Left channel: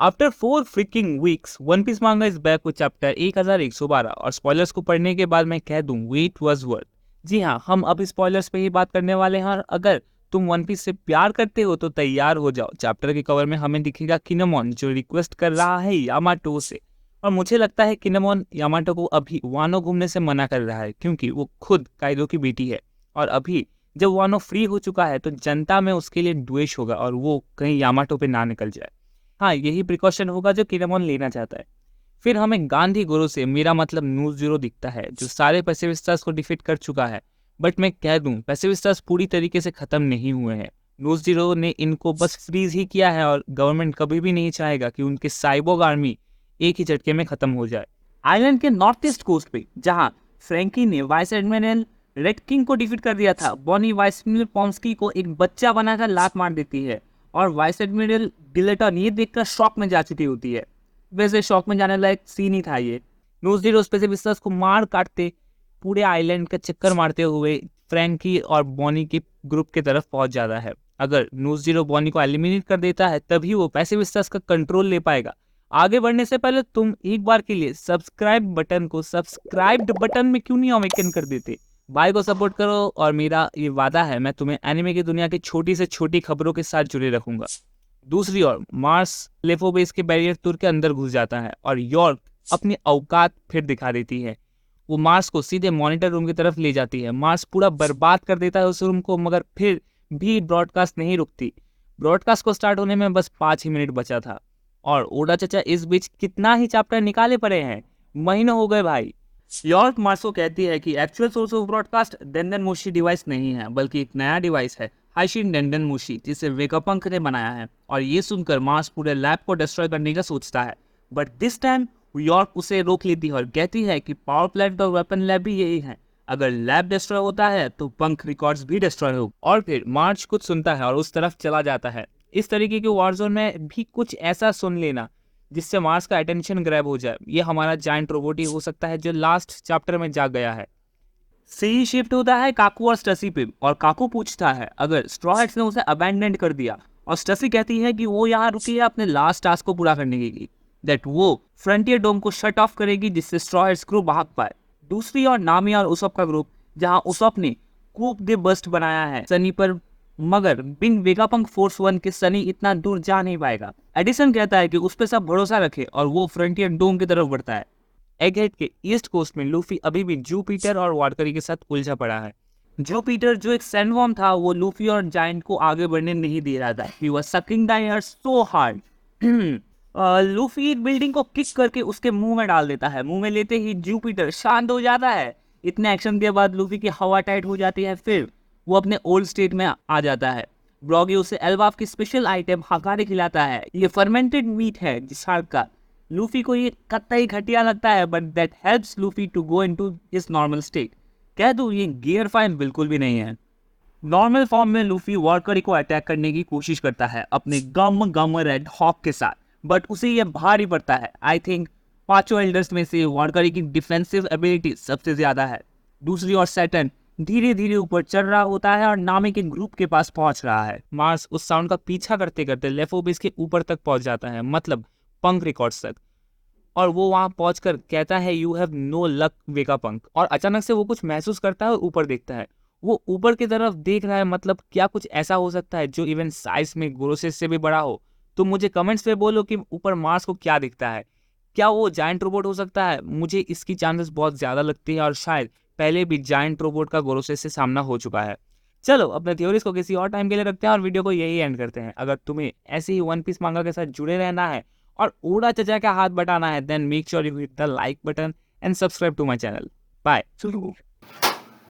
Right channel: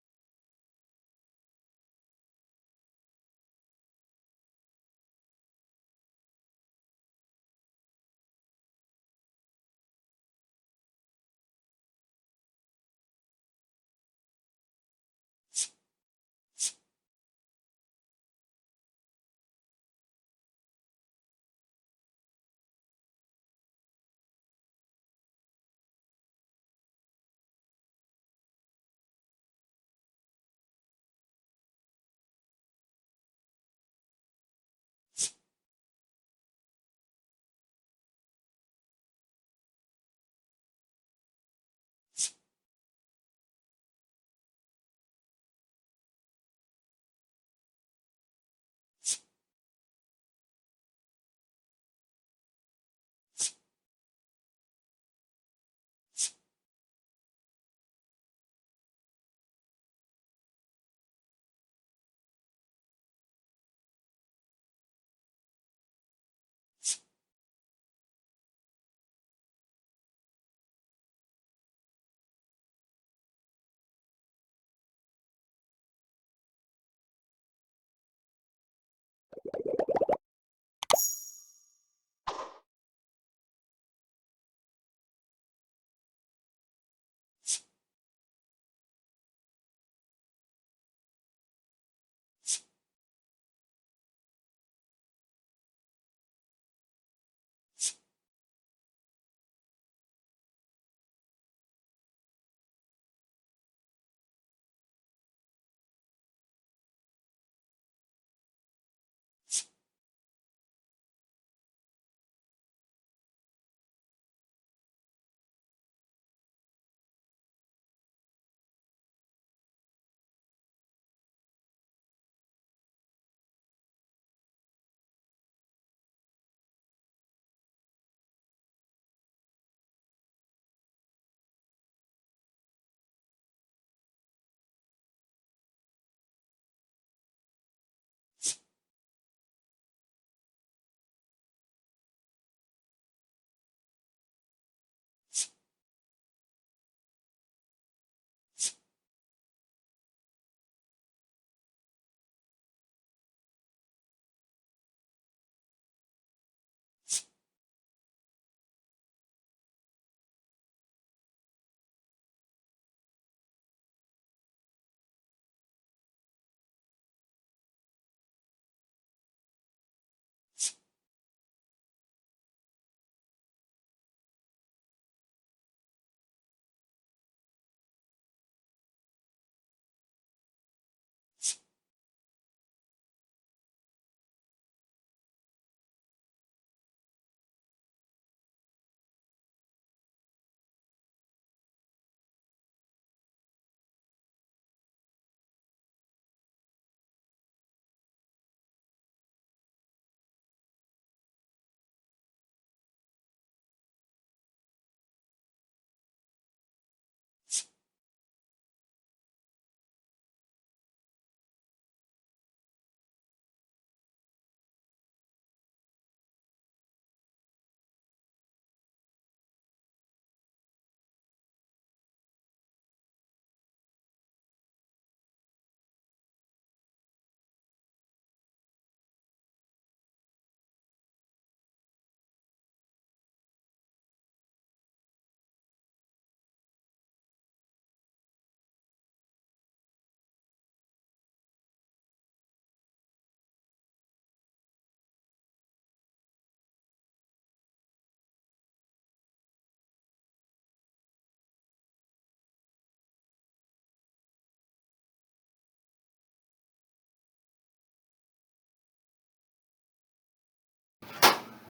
After 4 freaking weeks one piece manga is back with chapter 1112 और spoilers को पढ़ने के बाद मैं कह दूं वेट वाज वर्थ। जी हाँ, हम अब स्पॉयलर्स पे ही बात करने वाले हैं और अगर तुम वन पीस से प्यार करते हो तो तैयार हो जाओ। चैप्टर के कवर में हमें दिखेगा किनेमोन जो रिक्वेस्ट कर रहा है यामाटो से, और मुझे लगता है किनेमोन यामाटो को अभी वानो घूमने से मना कर रहा है क्योंकि वो खुद काइदो की बेटी है। और अभी जब वानो फ्री हो चुका है तो जनता में उसके लिए द्वेष होगा और वो कहीं यामाटो पे ना निकल जाए। हाँ, यही प्रिकॉशन होगा जो किनेमोन लेना चाहता है। फिर हमें गांधी गुरु से, मेरा मतलब न्यूज़ ज़ीरो, दिखता है जो सारे पैसिफिस्टास को डिफीट कर चुका है। बट मैं कह दूं पैसिफिस्टास पूरी तरीके से ख़त्म नहीं हुए हैं। न्यूज़ ज़ीरो ने इनको बस फ्रीज ही किया है और गवर्नमेंट कभी भी नहीं चाहेगा कि उनके साइबोग आर्मी एक ही झटके में ख़त्म हो जाए। आइलैंड के नॉर्थ ईस्ट कोस्ट पे जहाँ फ्रैंकी ने वाइस एडमिरल रेड किंग को डिफीट कर दिया था, बॉनी वाइस एडमिरल पॉम्स्की को एक बच्चा बनाकर लात मार देती है और वाइस एडमिरल डिलेटन ये देखकर शॉक में जा चुकी होती है। वैसे शॉक में जाने लायक सीन ही था ये। न्यूज़ ज़ीरो स्पेसिफिस्टर्स को मार काटते पूरे आइलैंड का चक्कर मारते हुए फ्रैंकी और बॉनी के ग्रुप की तरफ पहुंच जाता है। अगर न्यूज़ ज़ीरो बॉनी को एलिमिनेट कर देता है तभी वो पैसिफिस्टर्स का कंट्रोल ले पाएगा। आगे बढ़ने से पहले तुम एक बार के लिए सब्सक्राइब बटन को सब्सक्राइब्ड बटन में क्यों नहीं अवेकन कर देते? भाई को सपोर्ट करो और मेरा ये वादा है मैं तुम्हें एनिमे की दुनिया की छोटी से छोटी खबरों के साथ जुड़े रखूंगा। दूसरी ओर मार्स लेफो बेस के बैरियर तोड़ के अंदर घुस जाता है और यॉर्क अपनी औकात फिर दिखा देती है। वो मार्स को सीधे मॉनिटर रूम की तरफ ले जाती है। मार्स पूरा बर्बाद कर देता है उस रूम को, मगर फिर भी ब्रॉडकास्ट नहीं रुकती। ब्रॉडकास्ट को स्टार्ट होने में बस 5 ही मिनट बचा था और ओडा चचा इस बीच कितना ही चैप्टर निकाले पड़े हैं, महीनों हो गए भाई। यॉर्क मार्स को कहती है कि एक्चुअल सोर्स ऑफ ब्रॉडकास्ट डेंडन मोशी डिवाइस नहीं है बल्कि एक नया डिवाइस है, हाइशिन डेंडन मोशी, जिसे वेगापंक ने बनाया है। और ये सुनकर मार्स पूरे लैब को डिस्ट्रॉय करने का सोचता है, बट दिस टाइम यॉर्क उसे रोक लेती है और कहती है कि पावर प्लांट और वेपन लैब भी यही है, अगर लैब डिस्ट्रॉय होता है तो पंख रिकॉर्ड्स भी डिस्ट्रॉय हो। और फिर मार्च कुछ सुनता है और उस तरफ चला जाता है। इस तरीके के वॉरजोन में भी कुछ ऐसा सुन लेना जिससे मार्स का अटेंशन ग्रैब हो जाए। ये हमारा जायंट रोबोट ही हो सकता है जो लास्ट चैप्टर में जाग गया है। सी शिफ्ट होता है काकू और स्टसी पे और काकू पूछता है अगर स्ट्रॉ हैट्स ने उसे अबैंडन कर दिया, और स्टसी कहती है कि वो यहाँ रुकी है अपने लास्ट टास्क को पूरा करने के लिए, दैट वो फ्रंटियर डोम को शट ऑफ करेगी जिससे स्ट्रॉ हैट्स ग्रुप भाग पाए। दूसरी ओर नामी और उसप का ग्रुप, जहाँ उसप ने कूप दे बस्ट बनाया है सनी पर, मगर बिन वेगापंक फोर्स वन के सनी इतना दूर जा नहीं पाएगा। एडिसन कहता है कि उस पर सब भरोसा रखे और वो फ्रंटियर डोम की तरफ बढ़ता है। एगहेड के ईस्ट कोस्ट में लूफी अभी भी जूपिटर और वाटकरी के साथ उलझा पड़ा है। जूपिटर जो एक सैंडवर्म था वो लूफी और जायंट को आगे बढ़ने नहीं दे रहा था। He was sucking the air so hard. Luffy एक बिल्डिंग को किक करके उसके मुंह में डाल देता है। मुंह में लेते ही जूपिटर शांत हो जाता है। इतने एक्शन के बाद लूफी की हवा टाइट हो जाती है, फिर वो अपने ओल्ड स्टेट में आ जाता है। ब्रॉगी उसे एल्बाफ की स्पेशल आइटम हकारे खिलाता है। ये फर्मेंटेड मीट है जिसार्क का। लूफी को ये कतई घटिया लगता है, but that helps Luffy to go into his normal state. कह दूं ये गियर फाइन बिल्कुल भी नहीं है। नॉर्मल फॉर्म में लूफी वॉरकरी को अटैक करने की कोशिश करता है अपने गम गम रेड हॉक के साथ, बट उसे ये भारी पड़ता है। आई थिंक पांचों एल्डर्स में से वॉरकरी की डिफेंसिव एबिलिटी सबसे ज्यादा है। दूसरी ओर सैटर्न धीरे धीरे ऊपर चढ़ रहा होता है और नामी के ग्रुप के पास पहुंच रहा है। मार्स उस साउंड का पीछा करते करते लेफोबिस के ऊपर तक पहुंच जाता है, मतलब पंख रिकॉर्ड्स तक, और वो वहां पहुंचकर कहता है you have no luck Vegapunk. और अचानक से वो कुछ महसूस करता है और ऊपर देखता है। वो ऊपर की तरफ देख रहा है, मतलब क्या कुछ ऐसा हो सकता है जो इवन साइज में गोरोसेस से भी बड़ा हो? तो मुझे कमेंट्स पे बोलो कि ऊपर मार्स को क्या दिखता है। क्या वो जायंट रोबोट हो सकता है? मुझे इसकी चांसेस बहुत ज्यादा लगती है और शायद पहले भी जायंट रोबोट का गोरोसेस से सामना हो चुका है। चलो अपने थ्योरीज को किसी और टाइम के लिए रखते हैं और वीडियो को यही एंड करते हैं। अगर तुम्हें ऐसे ही वन पीस मांगा के साथ जुड़े रहना है और ओड़ा चचा का हाथ बटाना है, then make sure you hit the like button and subscribe to my channel. Bye.